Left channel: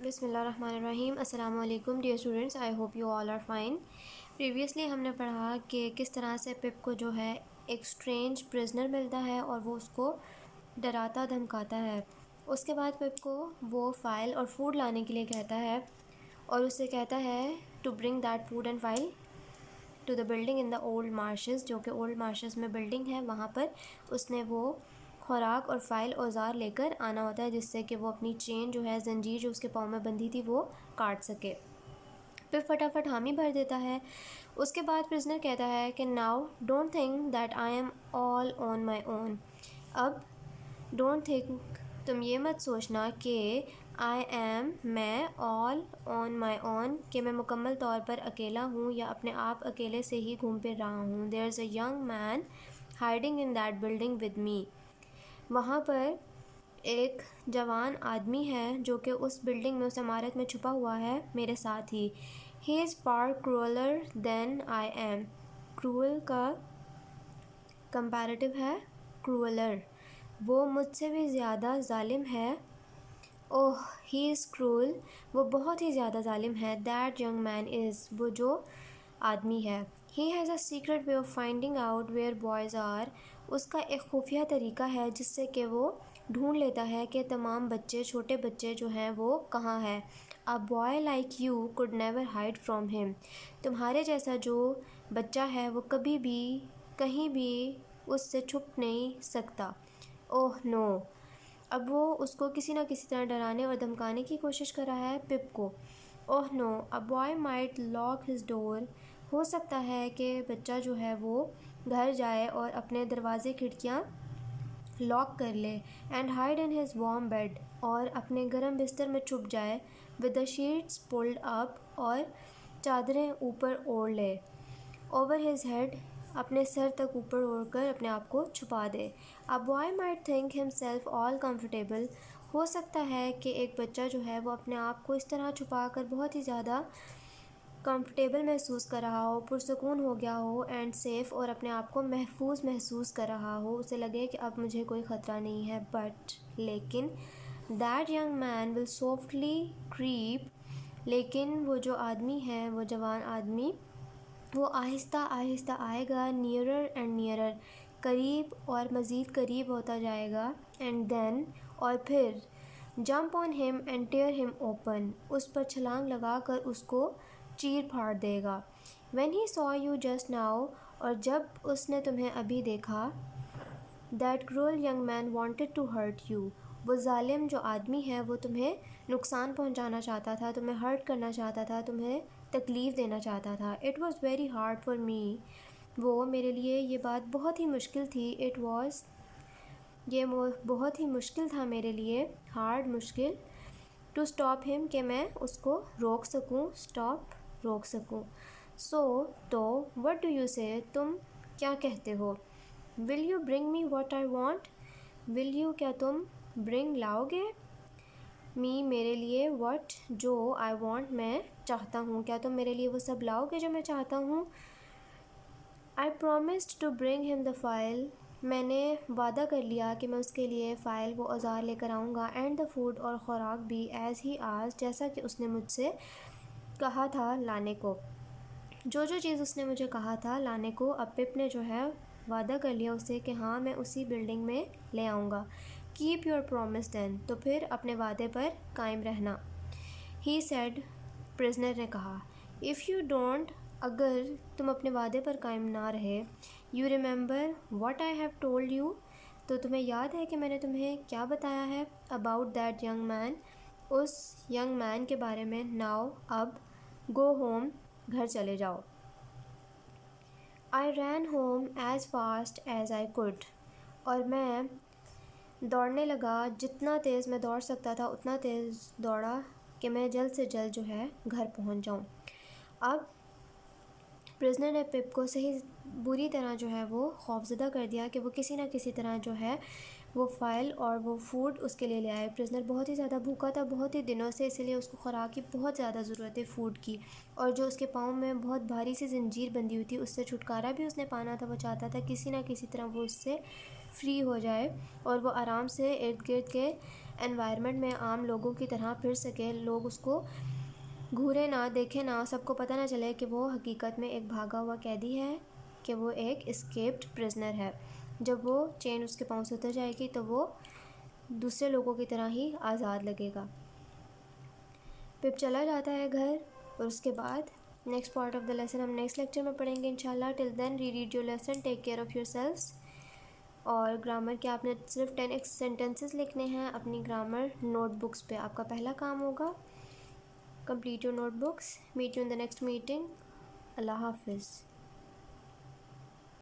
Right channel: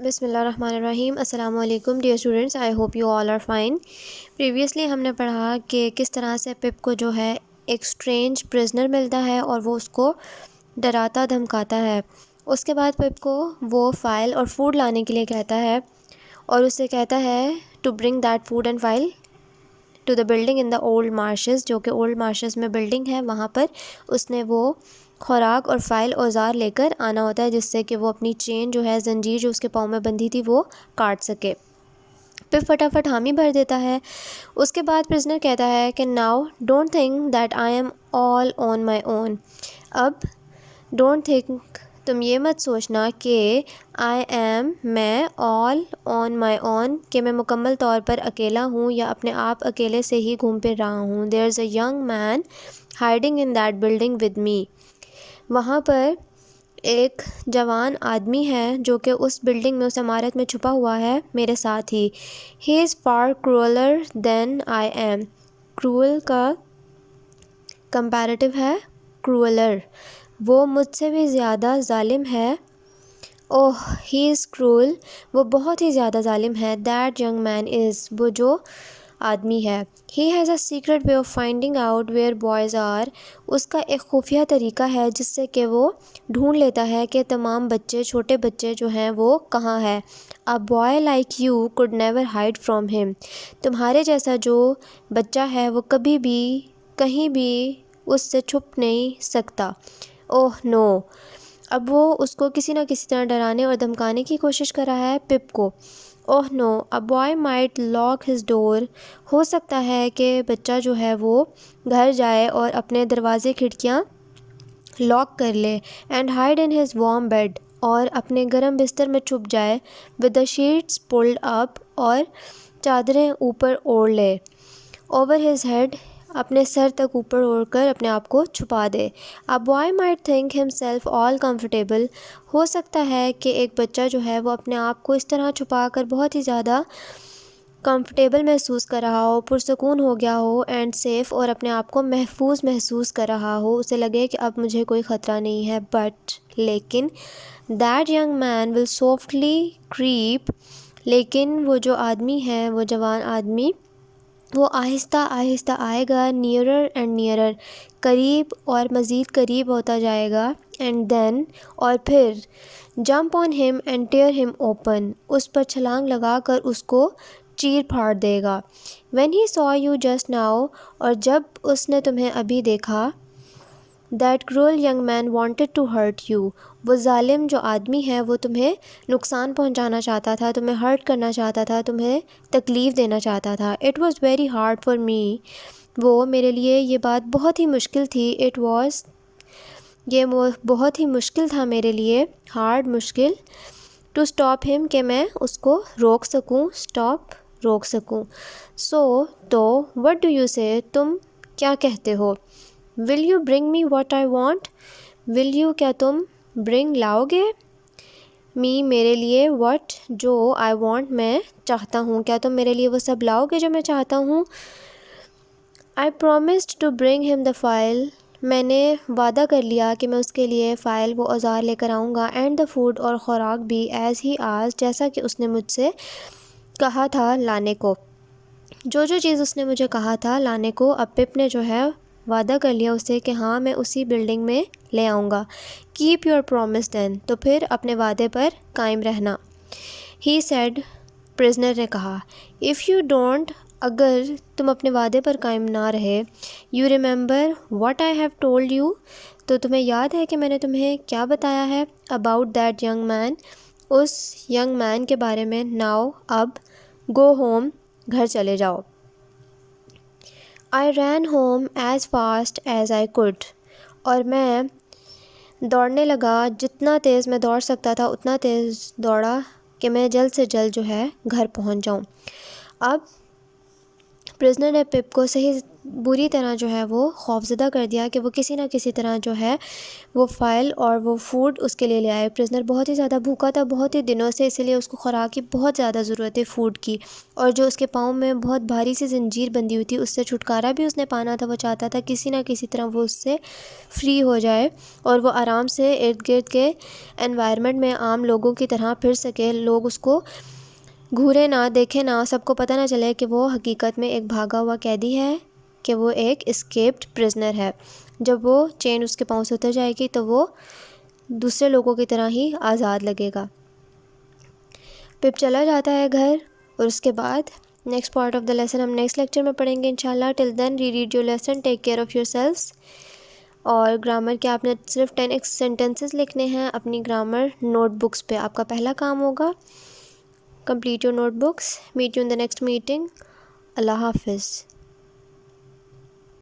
بسم اللہ الرحمن الرحیم۔ السلام علیکم dear students, I hope you all are fine. Previously ہم نے پڑھا کہ کس طرح سے پپ کو جو ہے ایک اسٹرینج پرزنر ملتا ہے اور وہ اس کو ڈراتا دھمکاتا ہے۔ اس کے بعد پپ کو وہ فائل اور فوڈ لانے کے لیے کہتا ہے اور اسے کہتا ہے to bring that food and file to the building in the old marshes, جو کہ اولڈ مارشز میں بلڈنگ ہے، وہاں پر اس نے وہ خوراک اور فائل اوزار لے کر آنا ہوتا ہے، جس سے کہ وہ اپنی چین جو ہے، زنجیر جو اس کے پاؤں میں بندھی تھی، وہ کاٹ سکے۔ پھر فٹافٹ حامی بھر دیتا ہے۔ اس کے بعد پرزنر کہتا ہے کہ now don't think that I am all on my own, اب ڈونٹ تھنک، تم یہ مت سوچنا کہ آئی ایم، میں، آل آن مائی اون، کہ میں مکمل طور پر اکیلا ہوں یا اپنے آپ اکیلے سے ہی گھوم پھر رہا ہوں۔ There is a young man hiding in that building with me, وہاں پر ایک جوان آدمی ہے جو کہ اس بلڈنگ میں، اس عمارت میں چھپا ہوا ہے میرے ساتھ ہی۔ He is far crueller than I am, cruel کا کمپیریٹو ہے کرولر، وہ مجھ سے بھی زیادہ ظالم ہے۔ اوہ ہی از کرول، وہ بہت ہی زیادہ ظالم ہے۔ دیٹ ینگ مین از، وہ جو آدمی ہے۔ He has a secret way of finding out where boys are, اس کا ایک خفیہ طریقہ ہے جس سے کہ وہ ڈھونڈ لیتا ہے کہ تمام بچے، چھوٹے بچے جو ہیں وہ کہاں ہے۔ A boy like you could never hide from him، تمہارے جیسا جو بچہ ہے وہ کبھی بھی کہیں بھی اس سے چھپ نہیں سکتا۔ اوہ نو، اب وہ اس کو کسی نہ کسی طرح ڈرانے اور دھمکانے کی کوشش کر رہا ہے پپ کو۔ اوہ نو، a boy might lock his door، ہو سکتا ہے کہ بچہ جو ہے وہ گھر جائے اور اپنے دروازے کھڑکیاں لاک کر لے، and hide in his warm bed, اور اپنے گرم بستر میں چھپ جائے، with the sheets pulled up, اور چادریں اوپر اوڑھ لے، اوور ہز ہیڈ، اپنے سر تک اوپر اوڑھ کر اپنے آپ کو چھپا دے۔ A boy might think himself all comfortable، ہو سکتا ہے کہ ایک بچہ جو ہے وہ اپنے آپ کو اس طرح چھپا کر بہت ہی زیادہ کمفرٹیبل محسوس کر رہا ہو، پرسکون ہو گیا ہو، اینڈ سیف، اور اپنے آپ کو محفوظ محسوس کر رہا ہو، اسے لگے کہ اب مجھے کوئی خطرہ نہیں ہے۔ بٹ، لیکن that young man will softly creep, لیکن وہ جو آدمی ہے، وہ جوان آدمی، وہ آہستہ آہستہ آئے گا، نیئرر اینڈ نیئرر، قریب اور مزید قریب ہوتا جائے گا، اینڈ دین، اور پھر jump on him and tear him open, اس پر چھلانگ لگا کر اس کو چیر پھاڑ دے گا۔ When he saw you just now، اور جب اس نے تمہیں ابھی دیکھا، that cruel young man wanted to hurt you، وہ ظالم جو آدمی ہے وہ تمہیں نقصان پہنچانا چاہتا تھا، تمہیں ہرٹ کرنا چاہتا تھا، تمہیں تکلیف دینا چاہتا تھا۔ It was very hard for me، وہ میرے لیے یہ بات بہت ہی مشکل تھی۔ It was، یہ بہت ہی مشکل تھا میرے لیے، ہارڈ، مشکل، ٹو اسٹاپ ہم، کہ میں اس کو روک سکوں، اسٹاپ، روک سکوں۔ سو، تو، وٹ ڈو یو سے، تم کیا کہتے ہو، will you bring me what I want, will you, کیا تم، برنگ، لاؤ گے، می، میرے لیے، واٹ، جو، آئی وانٹ، میں چاہتا ہوں، کیا تم میرے لیے وہ سب لاؤ گے جو میں چاہتا ہوں۔ آئی پرومسڈ ٹو برنگ ہم دا فائل، میں نے وعدہ کر لیا کہ میں اس کے لیے فائل، وہ اوزار لے کر آؤں گا، اینڈ دا فوڈ، اور خوراک بھی، ایز ہی آز، جیسا کہ اس نے مجھ سے کہا تھا لانے کو، جو چیز اس نے مجھے کہا تھا لانے کو۔ اب پپ نے جو ہے وعدہ کر لیا اسے کہ ہاں میں اسی بلڈنگ میں لے آؤں گا۔ کیپ یور پرومس دین، تو پھر اپنے وعدے پر قائم رہنا۔ ہی سیڈ، پرزنر نے کہا، اف یو ڈونٹ، اگر تم اپنے وعدے پر قائم نہ رہے، you remember what I have told you, تو تمہیں یاد ہے کہ میں نے تمہیں کیا بتایا ہے، اباؤٹ دیٹ ینگ مین، اس ینگ مین کے بارے میں، ناؤ، اب، گو ہوم، گھر چلے جاؤ۔ I ran home as fast as I could, اور میں دوڑنے لگا، جتنا تیز میں دوڑ سکتا تھا اتنا تیز دوڑا کہ میں جلد سے جلد جو ہے گھر پہنچ جاؤں۔ اب پرزنر نے پپ کو صحیح بری طرح جو ہے وہ خوفزدہ کر دیا کہ وہ کسی نہ کسی طرح جو ہے وہ فائل اور وہ فوڈ اس کے لیے لے آئے۔ پرزنر بہت ہی زیادہ بھوکا تھا بہت ہی دنوں سے، اسی لیے اس کو خوراک کی بہت زیادہ ضرورت ہے فوڈ کی، اور جو اس کے پاؤں میں بہت بھاری سی زنجیر بندھی ہوئی تھی اس سے چھٹکارا بھی اس نے پانا تھا۔ وہ چاہتا تھا کسی نہ کسی طرح وہ اس سے فری ہو جائے اور وہ آرام سے ارد گرد کے انوائرمنٹ میں عام لوگوں کی طرح پھر سکے، لوگ اس کو گھورے نہ، دیکھے نہ، سب کو پتہ نہ چلے کہ وہ حقیقت میں ایک بھاگا ہوا قیدی ہے، کہ وہ ایک اسکیپڈ پرزنر ہے۔ جب وہ چین اس کے پاؤں سے اتر جائے گی تو وہ دوسرے لوگوں کی طرح ہی آزاد لگے گا۔ پپ چلا جاتا ہے گھر، اور اس کے بعد next part of the lesson ہم نیکسٹ لیکچر میں پڑھیں گے انشاءاللہ۔ Till then reread your lesson, take care of yourselves. اور گرامر کے آپ نے صرف 10 سینٹنسز لکھنے ہیں اپنی گرامر نوٹ بکس پہ، آپ کا پہلا کام ہوگا۔ Complete your notebooks. Meet you in the next meeting. Allah Hafiz.